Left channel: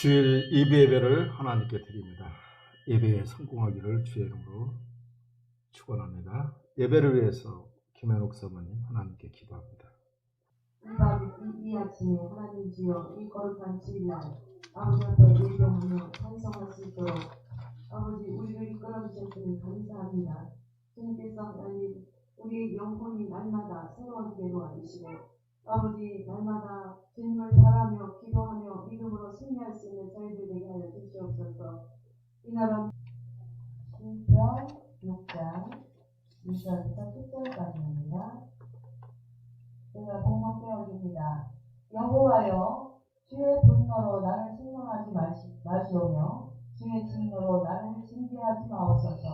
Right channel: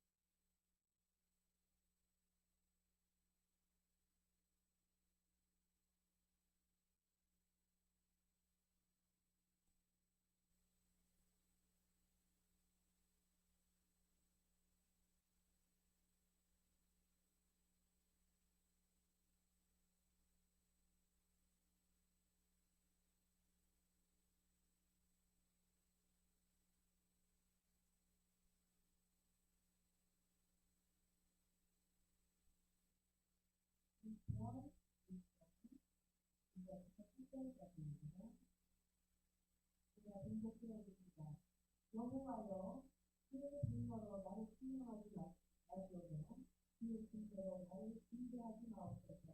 주일 예배를 하나님께 드립니다. 예배에 성공하기를 주의 이름으로 축원합니다. 예배를 위해서 김현옥 사모님 하나님께 기도합니다. 이 아침에 하나님 주여 이 거룩한 주일날 아버지 앞에 예배하며 찬송할 수 있도록 아버지 우리를 이끌어 주셨으니 감사합니다. 주님께서 하나님 우리의 영혼이 날마다 새로운 기회로 와주시고 아버지 날마다 주님을 바라며 기도하며 믿음으로 승리할 수 있는 저희들 되게 하여 주시옵소서. 이 나라 신편 6장 1절부터 10절까지입니다. 제가 봉독 배워드립니다. 여호와여 주의 분노로 나를 책망하지 마시오며 주의 진노로 나를 징계하지 마옵소서.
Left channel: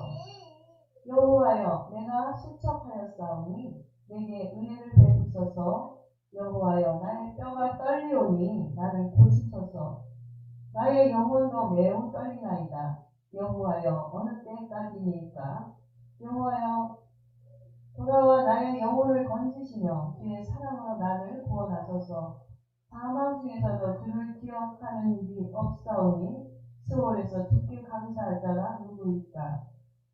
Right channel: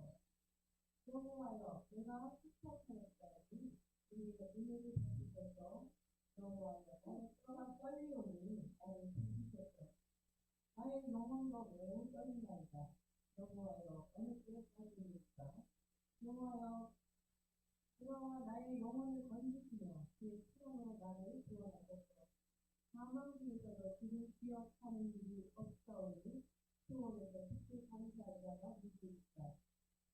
여호와여 내가 실족하였사오니 내게 은혜를 베푸소서. 여호와여 나의 뼈가 떨리오니 나를 고치소서. 나의 영혼도 매우 떨리나이다. 여호와여 어느 때까지니까. 여호와여 돌아와 나의 영혼을 건지시며 주의 사랑으로 나를 구원하소서. 사망 중에서도 주를 기억하는 일이 없사오니 수월에서 주께 감사할 자가 누구일까.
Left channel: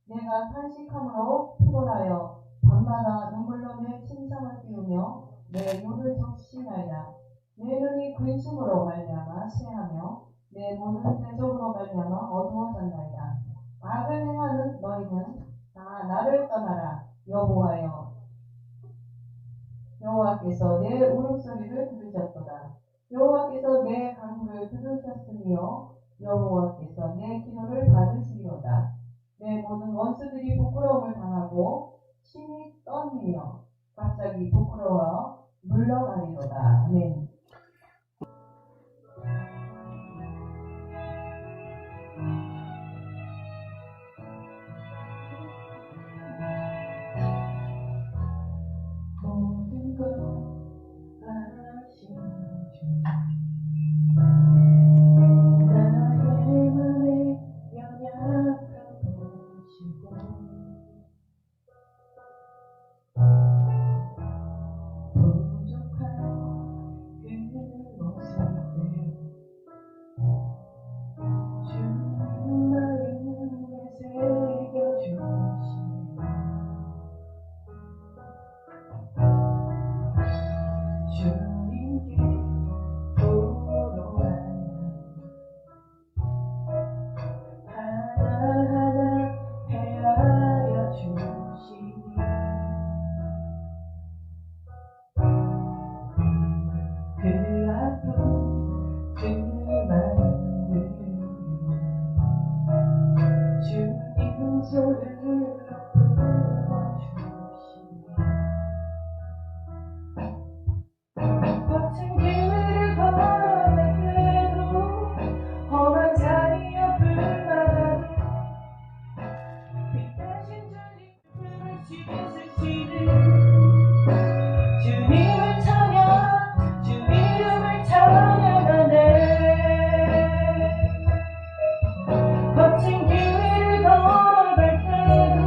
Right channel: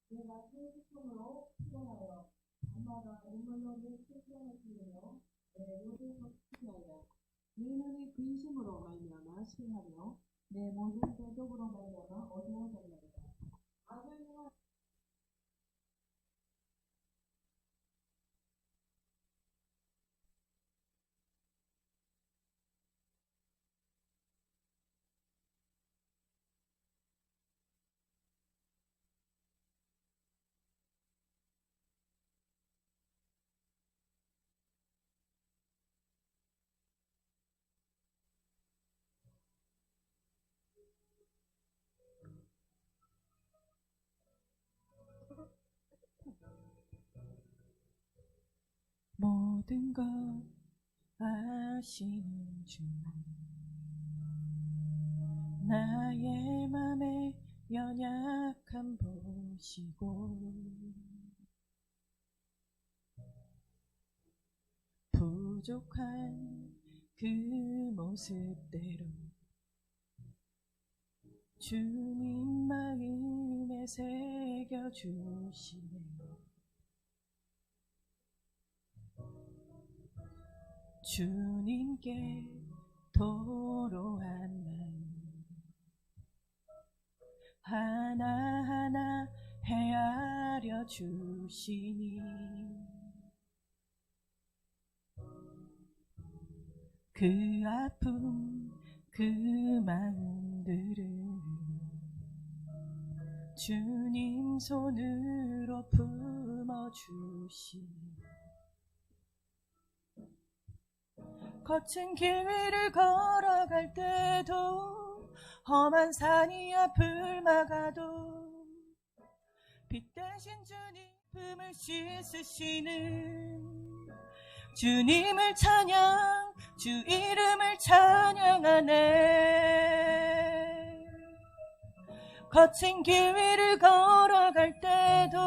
내가 탄식함으로 피곤하여 밤마다 눈물로 내 침상을 띄우며 내 눈을 적시나이다. 내 눈이 근심으로 말미암아 쇠하며 내 몸은 대적으로 말미암아 어두워졌나이다. 악을 행하는 너희는 다 나를 떠나라. 여호와께서 내 울음소리를 들으셨도다. 여호와께서 내 간구를 들으셨으며 여호와께서 내 기도를 받으시리로다. 내 모든 원수들이 부끄러움을 당하고 심히 떨리며 갑자기 부끄러워 물러가리로다. 아멘. 모든 것 아신 주 나의 맘의 연약함 보시고 부족한 그 모습대로 주님 마음에 새겨주시니 주님께 도로한 하나하나 헤아려 주시니 그 아픔 그 마음들을 주님 손으로 품어주시니 거친 길을 걸어갈 때도 험한 산이 앞을 막아도 빛 대신 주님 품을 씻으시는 주님을 찬양 주 이름을 찬양하네. 거친 길을 걸어갈 때도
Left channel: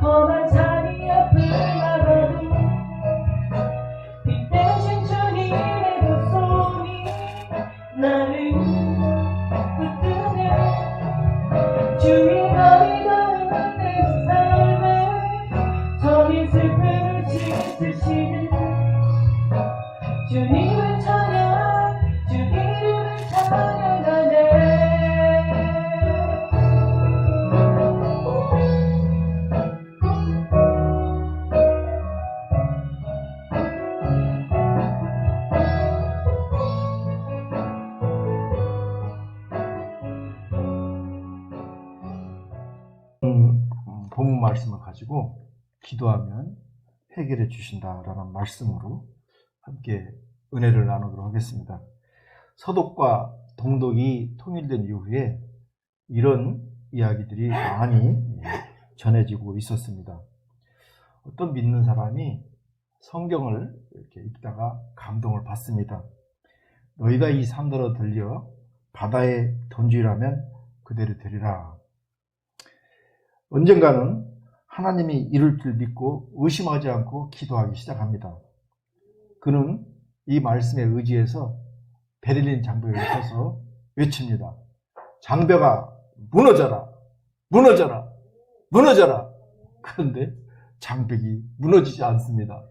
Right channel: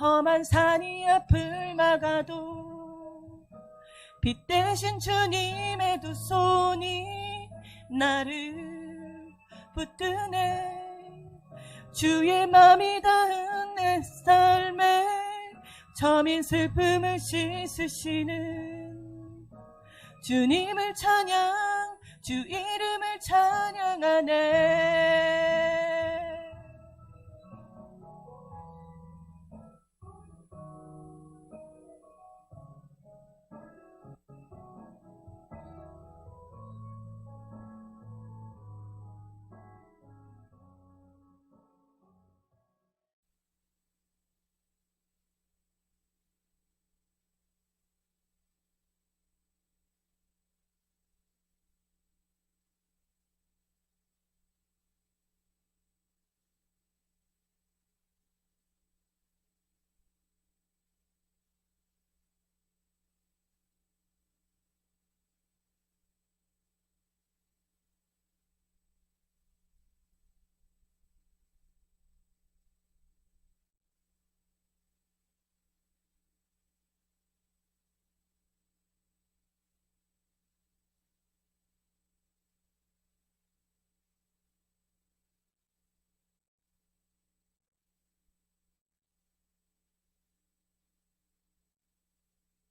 험한 산이 앞을 막아도 빛 대신 주님의 두 손이 나를 붙드네. 주의 마음이 닿은 내 삶에 저민 슬픔을 씻으시는 주님을 찬양 주 이름을 찬양하네. 본문 말씀을 가지고 기도하면 해결해 주신다라는 말씀으로 함께 은혜를 나누도록 하겠습니다. 서독과 동독이 통일된 이후에 이런 이야기들이 많이 전해지고 있었습니다. 어떤 믿는 사람이 성경을 이렇게 읽다가 감동을 받습니다. 너희가 이 산더러 들려 바다에 던지라면 그대로 되리라. 언젠가는 하나님이 이룰 줄 믿고 의심하지 않고 기도하기 시작합니다. 그는 이 말씀에 의지해서 베를린 장벽에 서서 외칩니다. 장벽아 무너져라, 무너져라, 무너져라. 그런데 장벽이 무너지지 않습니다.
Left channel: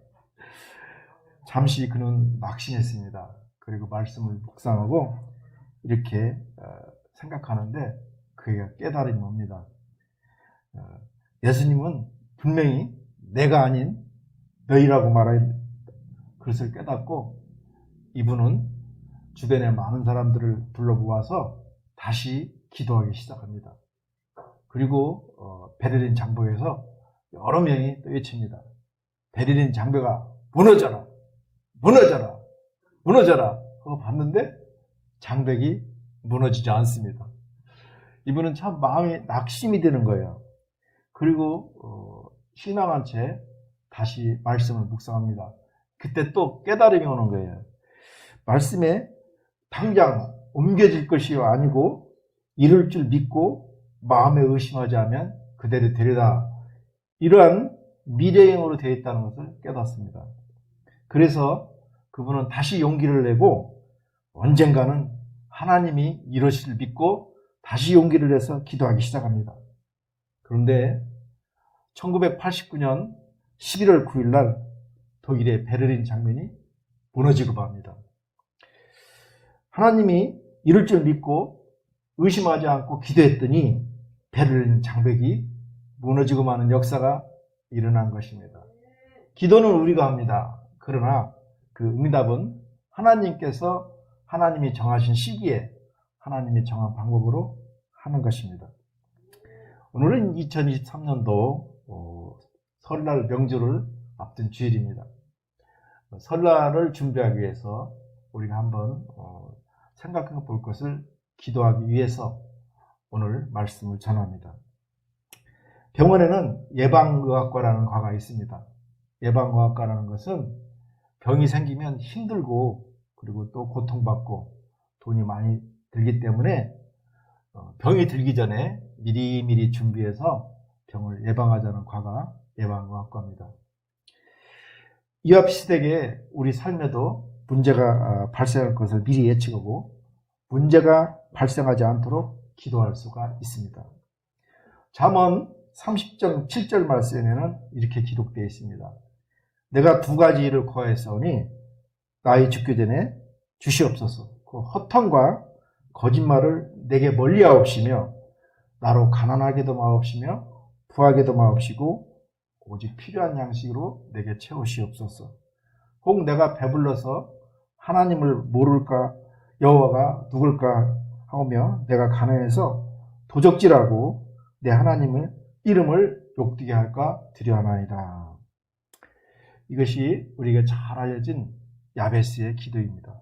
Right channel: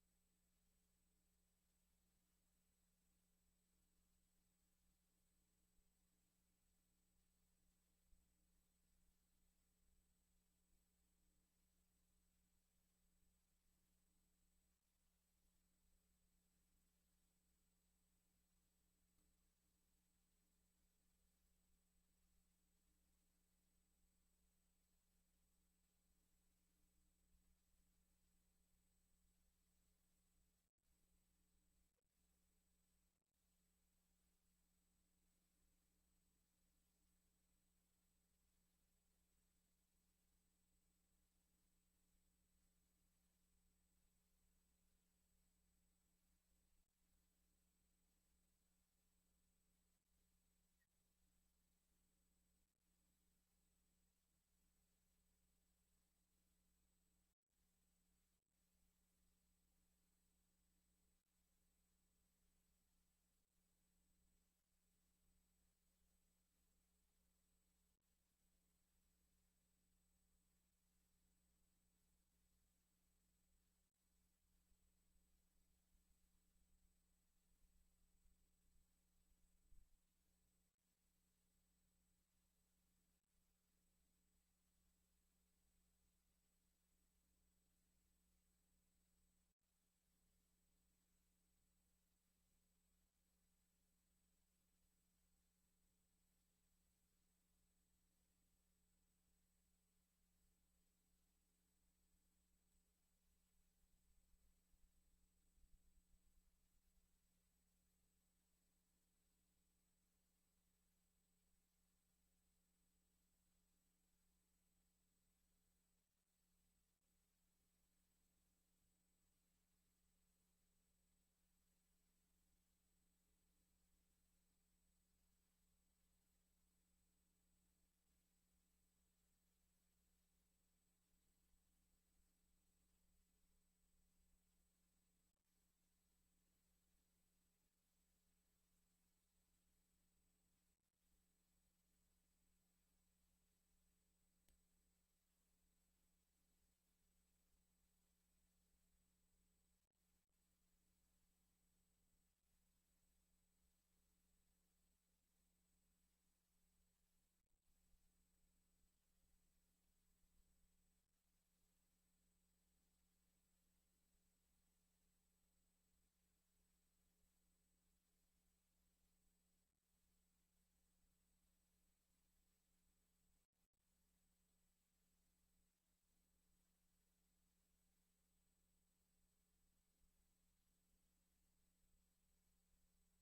잠시 그는 낙심했습니다. 그리고 말씀을 묵상하고 이렇게 생각하는데 그게 깨달음이 옵니다. 예수님은 분명히 내가 아닌 너희라고 말한 그것을 깨닫고 이분은 주변에 많은 사람들을 불러 모아서 다시 기도하기 시작합니다. 그리고 베를린 장벽에서 여러 명이 또 외칩니다. 베를린 장벽아 무너져라, 무너져라, 무너져라 하고 봤는데 장벽이 무너지지 않습니다. 이분은 참 마음이 낙심이 되는 거예요. 그리고 실망한 채 다시 말씀을 묵상합니다. 그때 또 깨달음이 오는 거예요. 말씀에 당장 옮겨질 것이 아니고 이룰 줄 믿고 마음에 의심하지 않으면 그대로 되리라. 이러한 미래형으로 되어 있다는 것을 깨닫습니다. 그래서 그분은 다시 용기를 내고 언젠가는 하나님이 이루실 줄 믿고 다시 용기를 내서 기도하기 시작합니다. 그런데 1989년 11월 9일 날 독일의 베를린 장면이 무너지고 맙니다. 하나님이 이룰 줄 믿고 의심하지 않고 기도했더니 베를린 장벽이 무너지고 마는 역사가 일어난 것입니다. 기도는 우리가 합니다. 그러나 그 응답은 하나님께서 하나님이 정하신 시기에 하나님이 정한 방법으로 하는 것입니다. 오늘은 2023년도 설날 명절을 앞둔 주일입니다. 설날을 준비하기 위해서 우리가 한번 생각해 볼 것을 기도하기 위해서 오늘 말씀을 전합니다. 병원에는 예방의학과라는 과가 있습니다. 예방의학과라는 것은 병이 생기면 힘들고 그리고 또 고통받고 돈이 많이 들기 때문에 병이 들기 전에 미리미리 준비해서 병을 예방하자는 과가 예방의학과입니다. 이와 비슷하게 우리 삶에도 문제가 발생할 것을 미리 예측하고 문제가 발생하지 않도록 기도할 수가 있습니다. 잠언 30장 7절 말씀에는 이렇게 기록되어 있습니다. 내가 두 가지 일을 구하였사오니 나의 죽기 전에 주시옵소서. 그 허탕과 거짓말을 내게 멀리하옵시며 나로 가난하게도 마옵시며 부하게도 마옵시고 오직 필요한 양식으로 내게 채우시옵소서. 혹 내가 배불러서 하나님을 모를까 여호와가 누굴까 하며 내가 가난해서 도적질하고 내 하나님의 이름을 욕되게 할까 두려워하나이다. 이것이 우리가 잘 알려진 야베스의 기도입니다.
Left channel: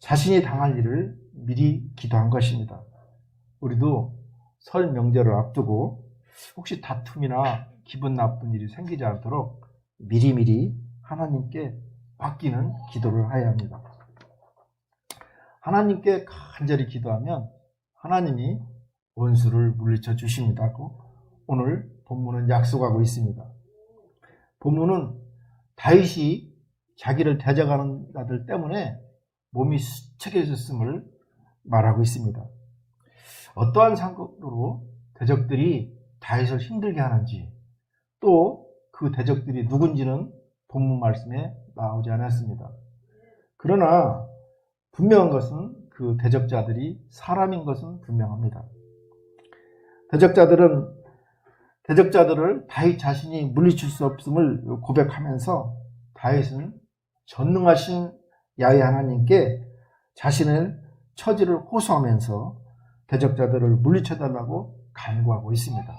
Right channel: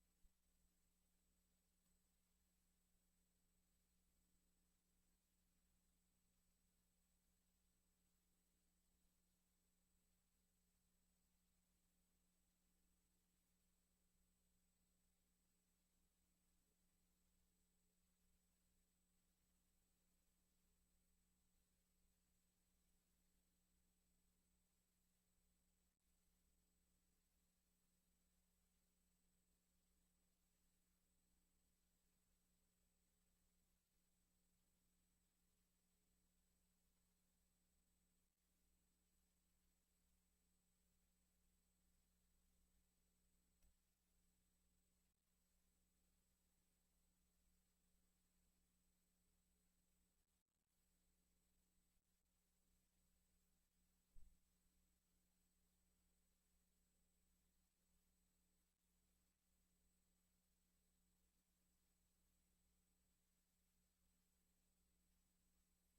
자신이 당할 일을 미리 기도한 것입니다. 우리도 설 명절을 앞두고 혹시 다툼이나 기분 나쁜 일이 생기지 않도록 미리미리 하나님께 맡기는 기도를 해야 합니다. 하나님께 간절히 기도하면 하나님이 원수를 물리쳐 주십니다고 오늘 본문은 약속하고 있습니다. 본문은 다윗이 자기를 대적하는 자들 때문에 몸이 수척해졌음을 말하고 있습니다. 어떠한 상황으로 대적들이 다윗을 힘들게 하는지 또 그 대적들이 누군지는 본문 말씀에 나오지 않았습니다. 그러나 분명한 것은 그 대적자들이 사람인 것은 분명합니다. 대적자들을 다윗 자신이 물리칠 수 없음을 고백하면서 다윗은 전능하신 야훼 하나님께 자신의 처지를 호소하면서 대적자들을 물리쳐달라고 간구하고 있습니다.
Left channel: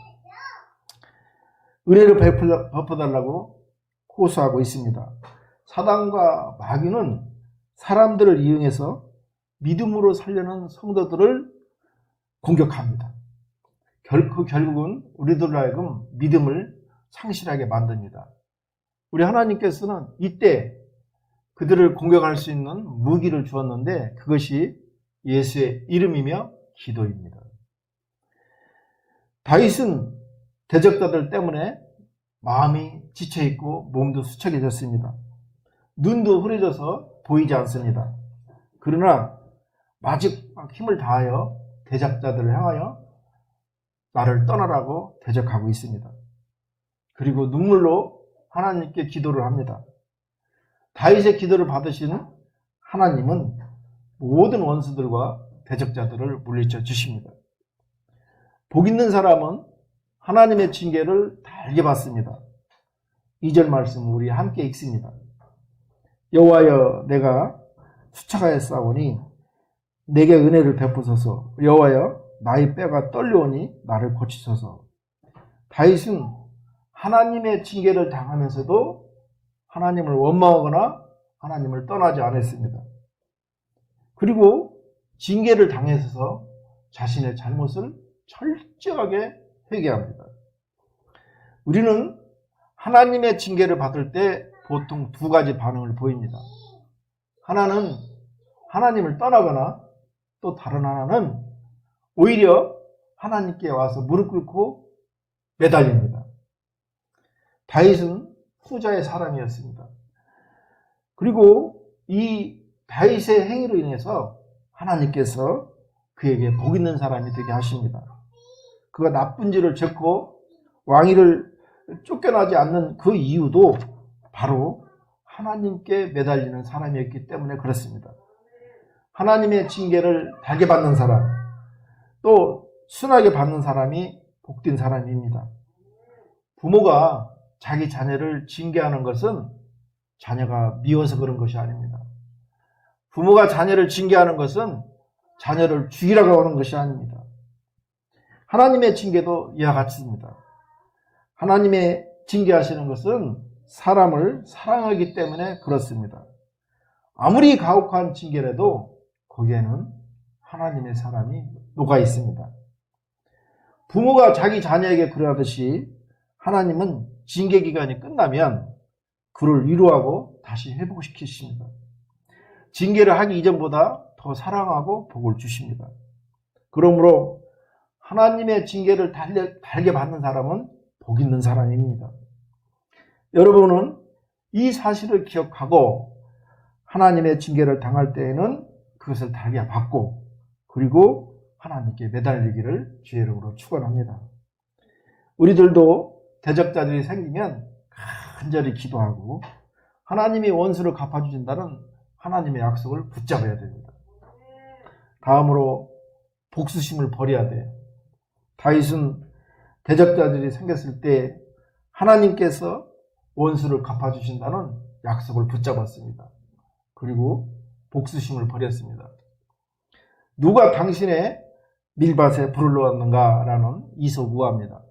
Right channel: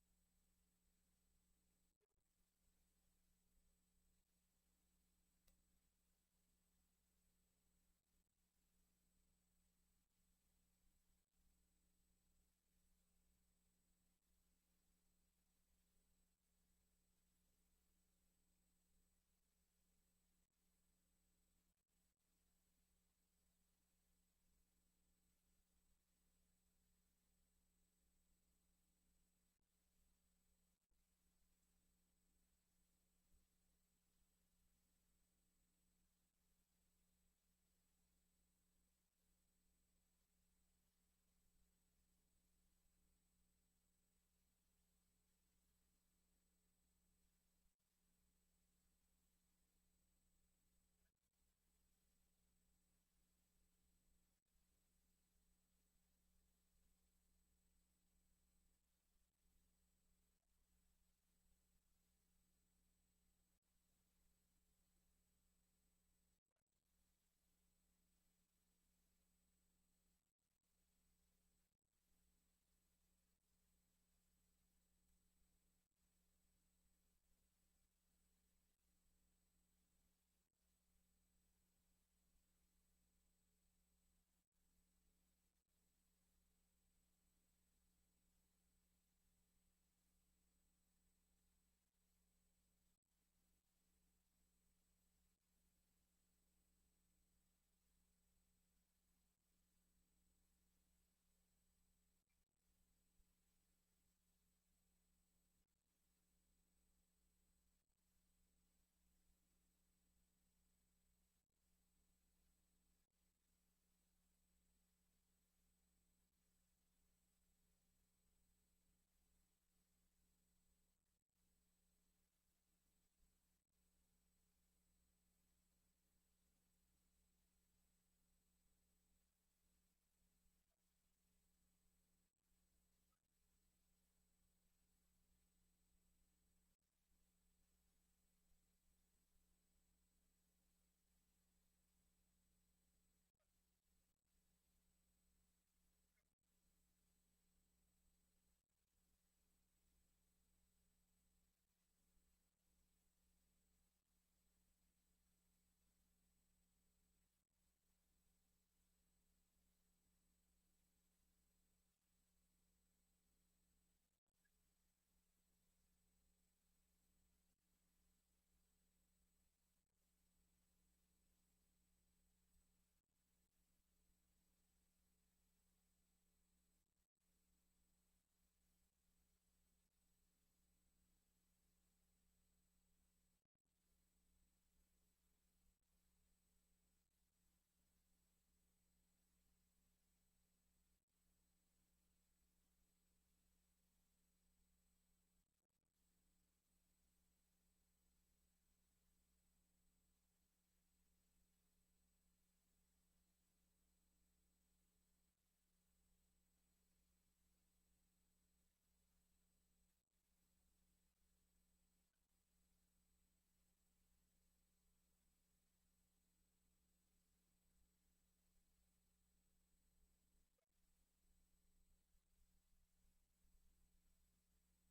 은혜를 베풀어달라고 호소하고 있습니다. 사단과 마귀는 사람들을 이용해서 믿음으로 살려는 성도들을 공격합니다. 결국은 우리들로 하여금 믿음을 상실하게 만듭니다. 우리 하나님께서는 이때 그들을 공격할 수 있는 무기를 주었는데 그것이 예수의 이름이며 기도입니다. 다윗은 대적자들 때문에 마음이 지쳐있고 몸도 수척해졌습니다. 눈도 흐려져서 보이지 않습니다. 그러나 마지막 힘을 다하여 대적자들을 향하여 나를 떠나라고 대적하고 있습니다. 그리고 눈물로 하나님께 기도를 합니다. 다윗의 기도를 받으신 하나님은 모든 원수들과 대적자들을 물리쳐 주십니다. 복 있는 사람은 하나님의 징계를 달게 받습니다. 2절 말씀 우리 함께 읽습니다. 여호와여 내가 수차가에 싸우니 내게 은혜를 베푸소서. 여호와여 나의 뼈가 떨려오니 나를 고치소서. 다윗은 하나님의 징계를 당하면서도 하나님을 원망하거나 하나님을 떠나지 않았습니다. 그리고 징계를 당해서 자신의 잘못을 철저하게 회개합니다. 우리는 하나님의 징계를 받을 때 보통 두 가지 반응을 보입니다. 하나는 하나님을 떠나거나 또 다른 하나는 오히려 하나님께 와서 무릎 꿇고 매달립니다. 다윗은 후자의 사람이었습니다. 그리고 이 다윗의 행위로 인해서 하나님께서 그에게 복 있는 사람이 되게 하십니다. 그가 나쁜 짓을 졌고 왕위를 쫓겨나지 않는 그 이유도 바로 하나님께 매달리는 사람이었기 때문에 그렇습니다. 하나님의 징계를 달게 받는 사람, 또 순하게 받는 사람이 복된 사람입니다. 부모가 자기 자녀를 징계하는 것은 자녀가 미워서 그런 것이 아닙니다. 부모가 자녀를 징계하는 것은 자녀를 죽이라고 하는 것이 아닙니다. 하나님의 징계도 이와 같습니다. 하나님의 징계하시는 것은 사람을 사랑하기 때문에 그렇습니다. 아무리 가혹한 징계라도 거기에는 하나님의 사랑이 녹아 있습니다. 부모가 자기 자녀에게 그러하듯이 하나님은 징계 기간이 끝나면 그를 위로하고 다시 회복시키십니다. 징계를 하기 이전보다 더 사랑하고 복을 주십니다. 그러므로 하나님의 징계를 달게 받는 사람은 복 있는 사람입니다. 여러분은 이 사실을 기억하고 하나님의 징계를 당할 때에는 그것을 달게 받고 그리고 하나님께 매달리기를 주의 이름으로 축원합니다. 우리들도 대적자들이 생기면 간절히 기도하고 하나님이 원수를 갚아주신다는 하나님의 약속을 붙잡아야 됩니다. 다음으로 복수심을 버려야 돼요. 다윗은 대적자들이 생겼을 때 하나님께서 원수를 갚아주신다는 약속을 붙잡았습니다. 그리고 복수심을 버렸습니다. 누가 당신의 밀밭에 불을 놓았는가라는 이솝우화입니다.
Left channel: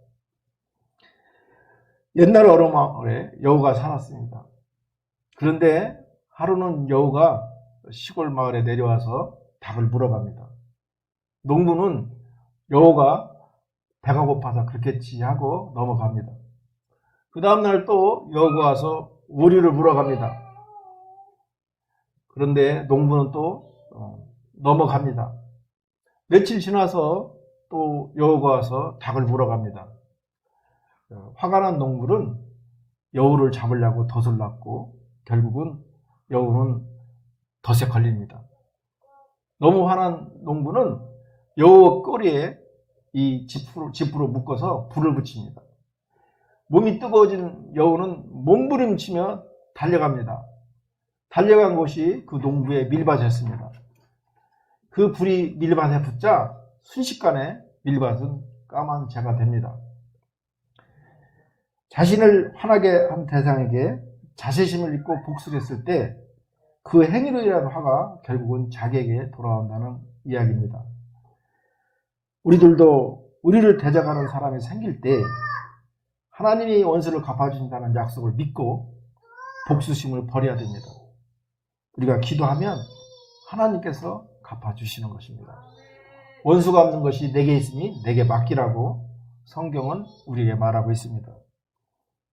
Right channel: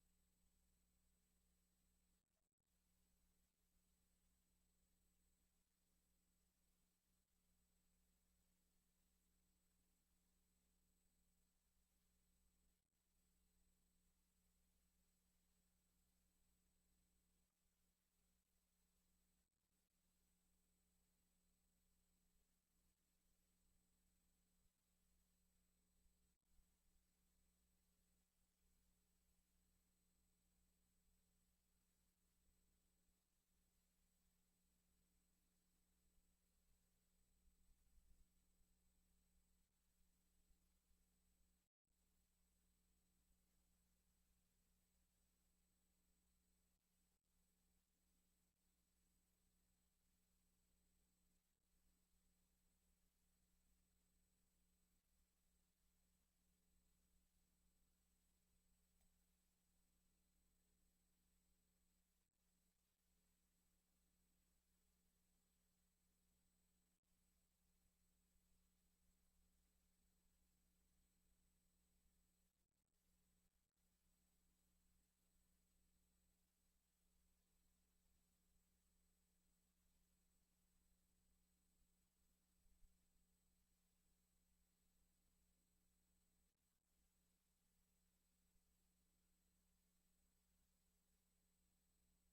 옛날 어느 마을에 여우가 살았습니다. 그런데 하루는 여우가 시골 마을에 내려와서 닭을 물어갑니다. 농부는 여우가 배가 고파서 그렇겠지 하고 넘어갑니다. 그 다음날 또 여우가 와서 오리를 물어갑니다. 그런데 농부는 또 넘어갑니다. 며칠 지나서 또 여우가 와서 닭을 물어갑니다. 화가 난 농부는 여우를 잡으려고 덫을 놨고 결국은 여우는 덫에 걸립니다. 너무 화난 농부는 여우 꼬리에 이 지프로 묶어서 불을 붙입니다. 몸이 뜨거워진 여우는 몸부림치며 달려갑니다. 달려간 곳이 그 농부의 밀밭이었습니다. 그 불이 밀밭에 붙자 순식간에 밀밭은 까만 재가 됩니다. 자신을 화나게 한 대상에게 자세심을 잊고 복수를 했을 때 그 행위로 인한 화가 결국은 자기에게 돌아온다는 이야기입니다. 우리들도 우리를 대적하는 사람이 생길 때 하나님이 원수를 갚아주신다는 약속을 믿고 복수심을 버려야 됩니다. 우리가 기도하면 하나님께서 갚아주시는 것입니다. 원수 갚는 것이 내게 있으니 내게 맡기라고 성경은 우리에게 말하고 있습니다.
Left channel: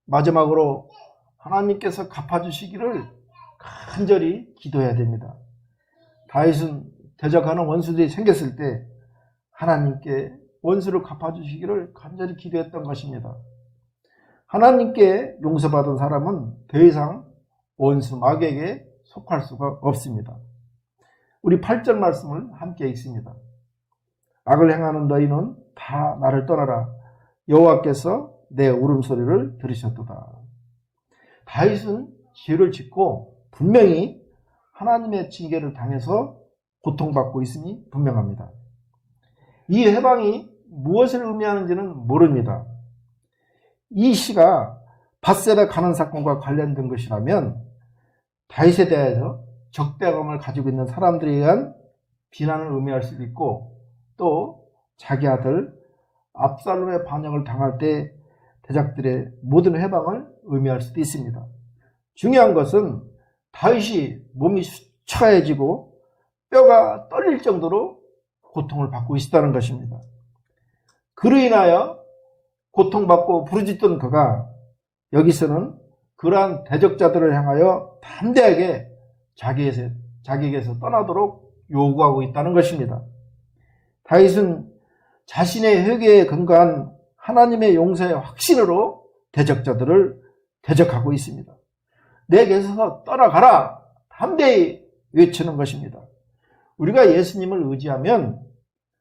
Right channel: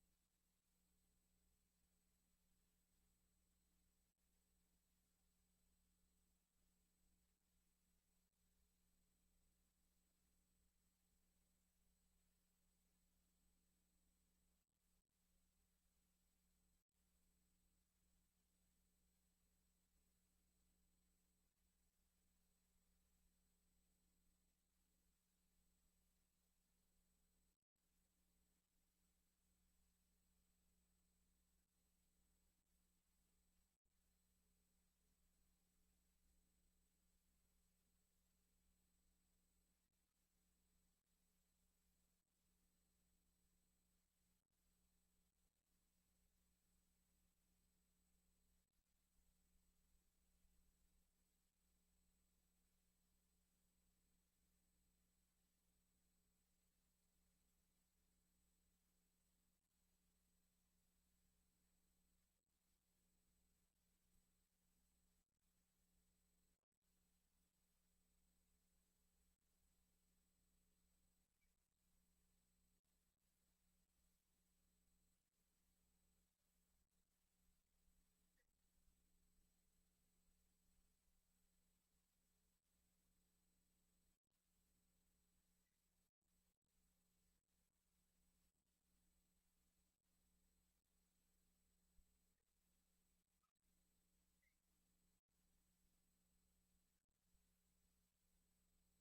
마지막으로 하나님께서 갚아주시기를 간절히 기도해야 됩니다. 다윗은 대적하는 원수들이 생겼을 때 하나님께 원수를 갚아주시기를 간절히 기도했던 것입니다. 하나님께 용서받은 사람은 더 이상 원수 마귀에게 속할 수가 없습니다. 우리 8절 말씀을 함께 읽습니다. 악을 행하는 너희는 다 나를 떠나라. 여호와께서 내 울음소리를 들으셨도다. 다윗은 죄를 짓고 분명히 하나님의 징계를 당해서 고통받고 있음이 분명합니다. 이 해방이 무엇을 의미하는지는 모릅니다. 이 시가 밧세바 가는 사건과 관련된 것이라면 다윗에 대해서 적대감을 가지고 있는 사람들에 의한 비난을 의미할 수도 있고, 또 자기 아들 압살롬의 반역을 당할 때 대적들의 모든 해방을 의미할 수도 있습니다. 중요한 것은 다윗이 몸이 수척해지고 뼈가 떨릴 정도로 고통을 받고 있다는 것입니다. 그로 인하여 고통받고 부르짖던 그가 여기서는 그러한 대적자들을 향하여 담대하게 자기에게서 떠나도록 요구하고 있다는 것입니다. 다윗은 자신의 회개에 근거한 하나님의 용서의 확신으로 대적자들을 대적하고 있습니다. 내게서 떠나가라, 담대히 외치는 것입니다. 우리가 예수님을 의지하면,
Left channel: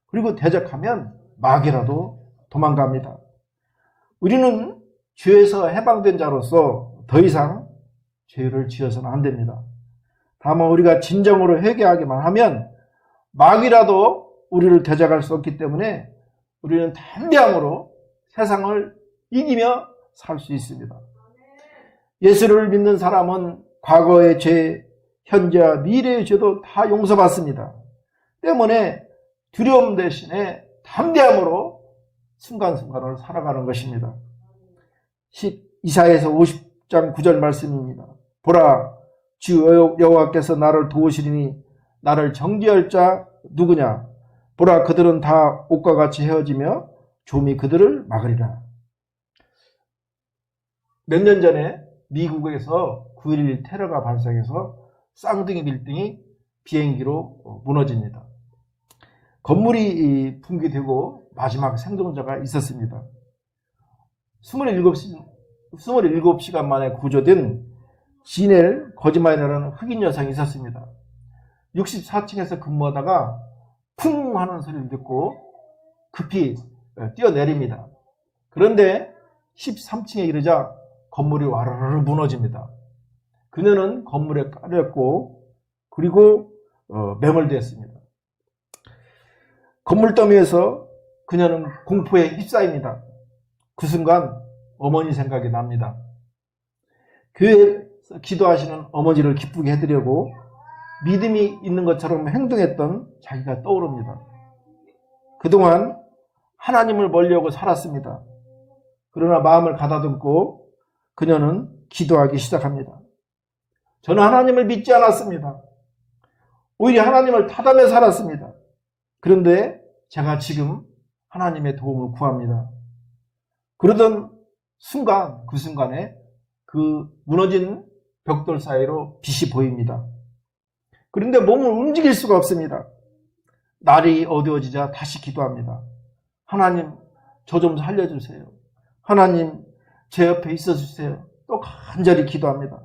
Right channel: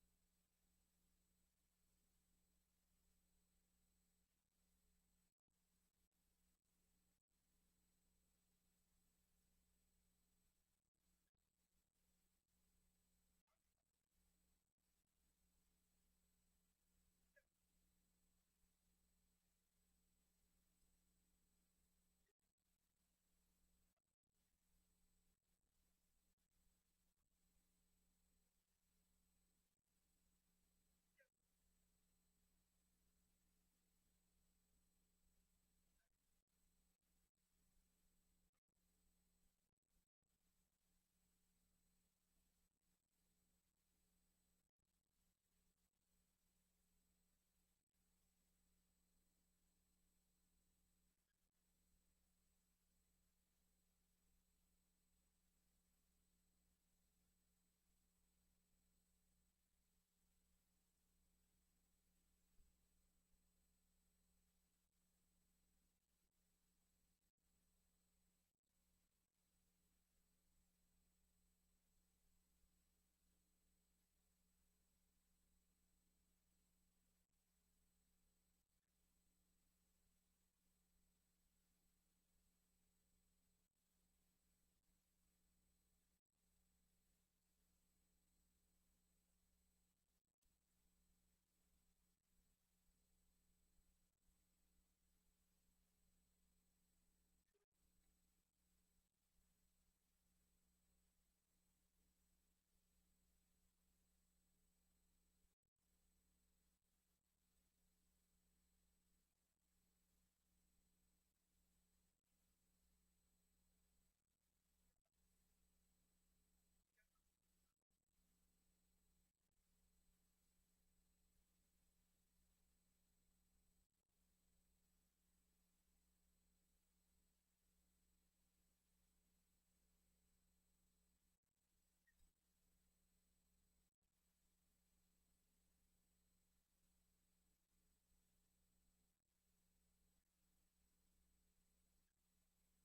그리고 대적하면 마귀라도 도망갑니다. 우리는 죄에서 해방된 자로서 더 이상 죄를 지어서는 안 됩니다. 다만 우리가 진정으로 회개하기만 하면 마귀라도 우리를 대적할 수 없기 때문에 우리는 담대함으로 세상을 이기며 살 수 있습니다. 예수를 믿는 사람은 과거의 죄, 현재와 미래의 죄도 다 용서받습니다. 때문에 두려움 대신에 담대함으로 순간순간을 살아가는 것입니다. 이사야서 50장 9절 말씀입니다. 보라, 주 여호와께서 나를 도우시리니 나를 정죄할 자 누구냐? 보라, 그들은 다 옷과 같이 헤어지며 좀이 그들을 막으리라. 몇 년 전에 미국에서 9.11 테러가 발생해서 쌍둥이 빌딩이 비행기로 무너집니다. 건물이 붕괴되고 마지막 생존자가 있었습니다. 27시간 만에 구조된 지넬 거지마이라는 흑인 여성이 있었습니다. 64층에서 근무하다가 쿵 하는 소리를 듣고 급히 뛰어내립니다. 그런데 13층에 이르자 건물이 와르르 무너집니다. 그녀는 건물에 깔렸고 그리고 매몰되었습니다. 건물 더미에서 그녀는 공포에 휩싸입니다. 그 순간 어머니 생각이 납니다. 교회에서 기도하시는 어머니를 기쁘게 해드리려고 믿음이 있는 것처럼 행동했던 자기가 떠오릅니다. 그동안 하나님을 멀리하고 살았습니다. 그러나 마음을 가다듬고 그녀는 기도하기 시작합니다. 저는 하나님을 믿지 않았습니다. 오히려 하나님을 타담해 살았습니다. 그런데 제가 지금 하나님의 도움을 구합니다. 그러던 순간, 그 순간에 그 무너진 벽돌 사이로 빛이 보입니다. 그런데 몸을 움직일 수가 없습니다. 날이 어두워지자 다시 기도합니다. 하나님, 저 좀 살려주세요. 하나님, 제 옆에 있어주세요. 또 간절히 기도합니다.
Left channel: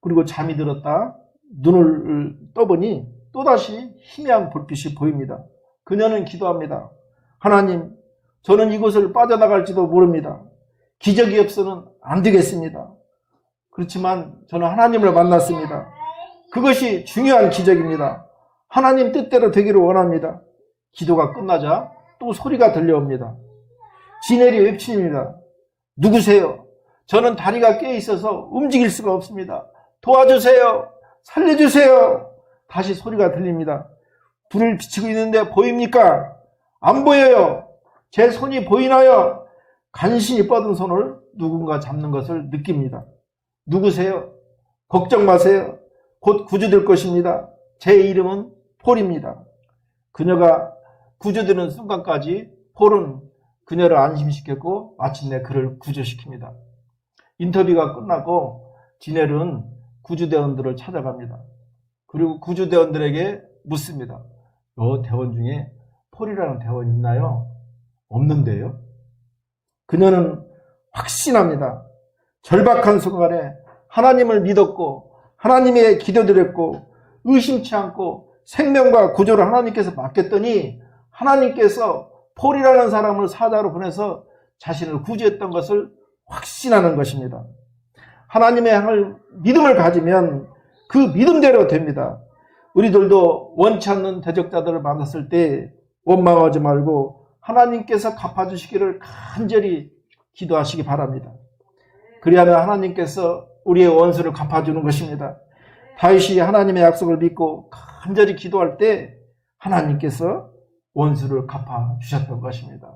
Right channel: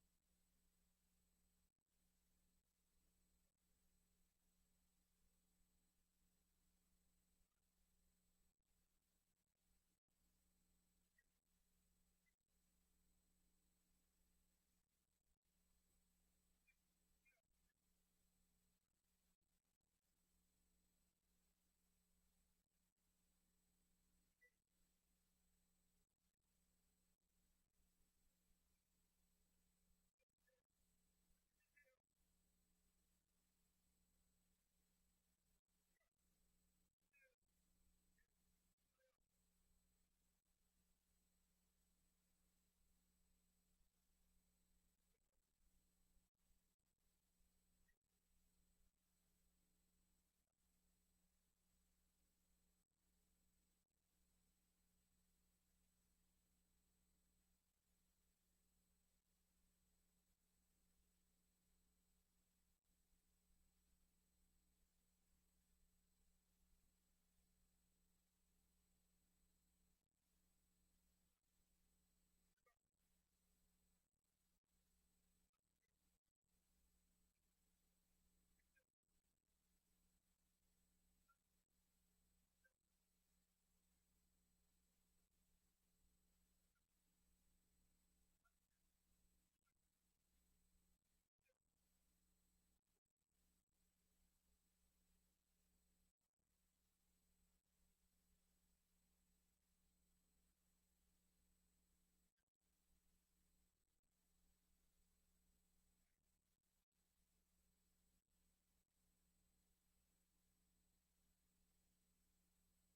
그리고 잠이 들었다 눈을 떠보니 또다시 희미한 불빛이 보입니다. 그녀는 기도합니다. 하나님, 저는 이곳을 빠져나갈지도 모릅니다. 기적이 없어서는 안 되겠습니다. 그렇지만 저는 하나님을 만났습니다. 그것이 중요한 기적입니다. 하나님 뜻대로 되기를 원합니다. 기도가 끝나자 또 소리가 들려옵니다. 지넬이 외칩니다. 누구세요? 저는 다리가 깨 있어서 움직일 수가 없습니다. 도와주세요. 살려주세요. 다시 소리가 들립니다. 불을 비추고 있는데 보입니까? 안 보여요. 제 손이 보이나요? 간신히 뻗은 손을 누군가 잡는 것을 느낍니다. 누구세요? 걱정 마세요. 곧 구조될 것입니다. 제 이름은 폴입니다. 그녀가 구조되는 순간까지 폴은 그녀를 안심시켰고 마침내 그를 구조시킵니다. 인터뷰가 끝나고 지넬은 구조대원들을 찾아갑니다. 그리고 구조대원들에게 묻습니다. 대원 중에 폴이라는 대원이 있나요? 없는데요. 그녀는 확신합니다. 절박한 순간에 하나님을 믿었고 하나님의 기도드렸고 의심치 않고 생명과 구조를 하나님께서 맡겼더니 하나님께서 폴이라는 사람을 사자로 보내서 자신을 구제했던 것을 확신하는 것입니다. 하나님의 향을 믿음을 가지면 그 믿음대로 됩니다. 우리들도 원치 않는 대적자들을 만났을 때 원망하지 말고 하나님께서 갚아주시기를 간절히 기도하시기 바랍니다. 그리하면 하나님께서 우리의 원수를 갚아주는 것입니다. 다윗이 하나님의 약속을 믿고 간절히 기도할 때 하나님께서 원수를 갚아주셨던 것입니다.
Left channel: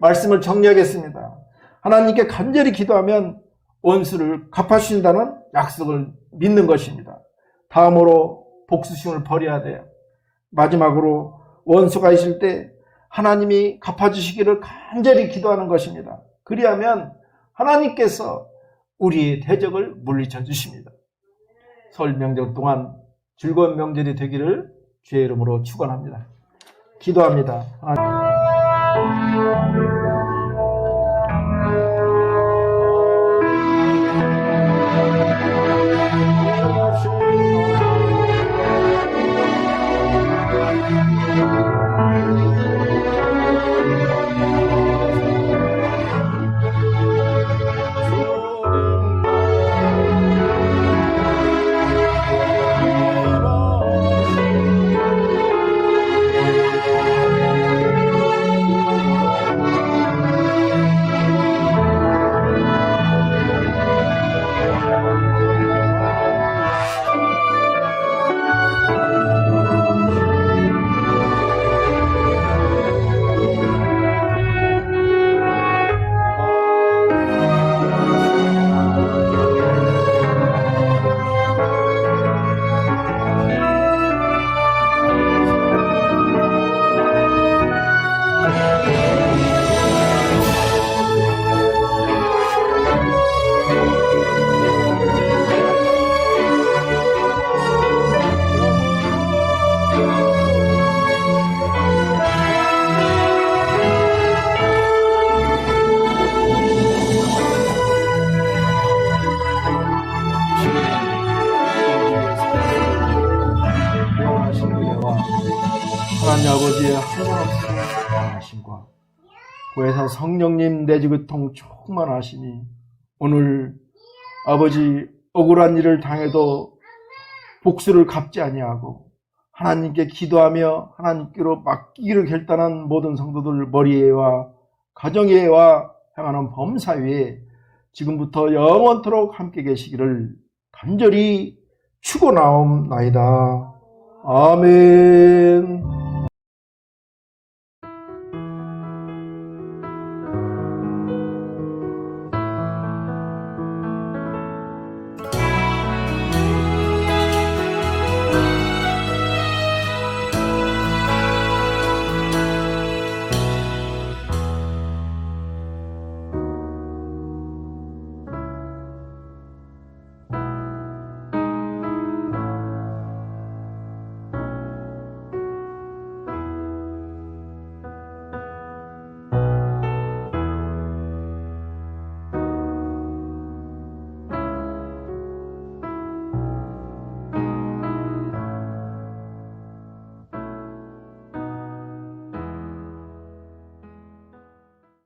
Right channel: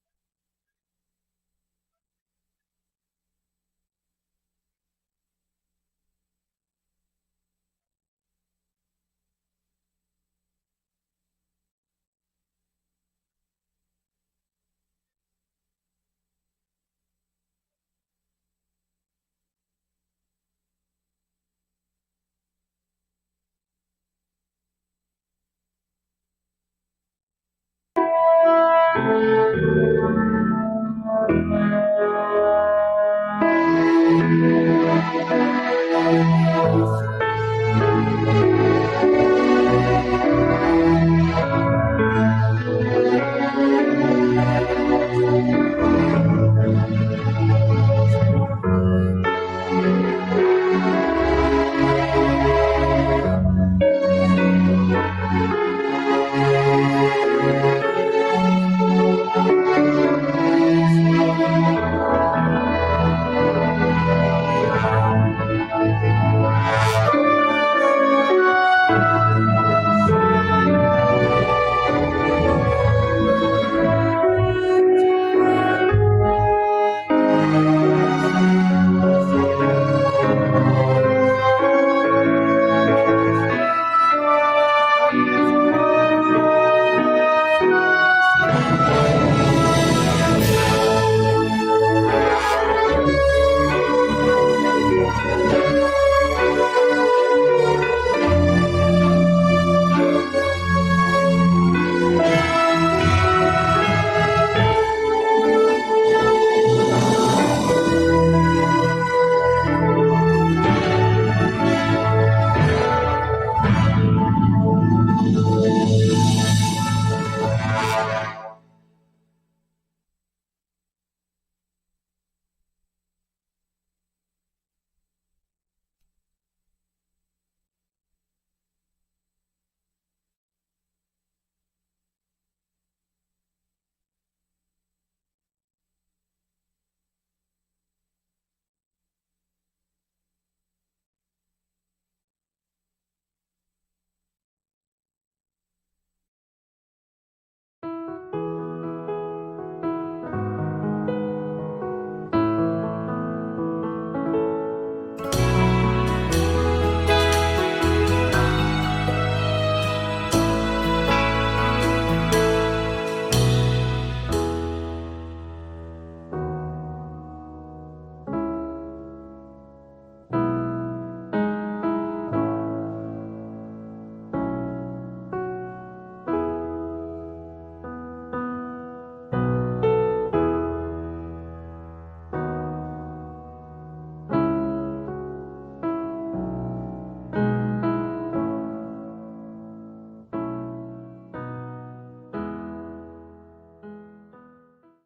말씀을 정리하겠습니다. 하나님께 간절히 기도하면 원수를 갚아주신다는 약속을 믿는 것입니다. 다음으로 복수심을 버려야 돼요. 마지막으로 원수가 있을 때 하나님이 갚아주시기를 간절히 기도하는 것입니다. 그리하면 하나님께서 우리의 대적을 물리쳐 주십니다. 설 명절 동안 즐거운 명절이 되기를 주의 이름으로 축원합니다. 기도합니다. 아버지의 하나님과 구해사 성령님 내지그통 충만하시니 오늘 아버지 억울한 일을 당해도 복수를 갚지 아니하고 하나님께 기도하며 하나님께로 맡기기를 결단한 모든 성도들 머리에와 가정에와 향하는 범사위에 지금부터 영원토록 함께 계시기를 간절히 축원하옵나이다. 아멘.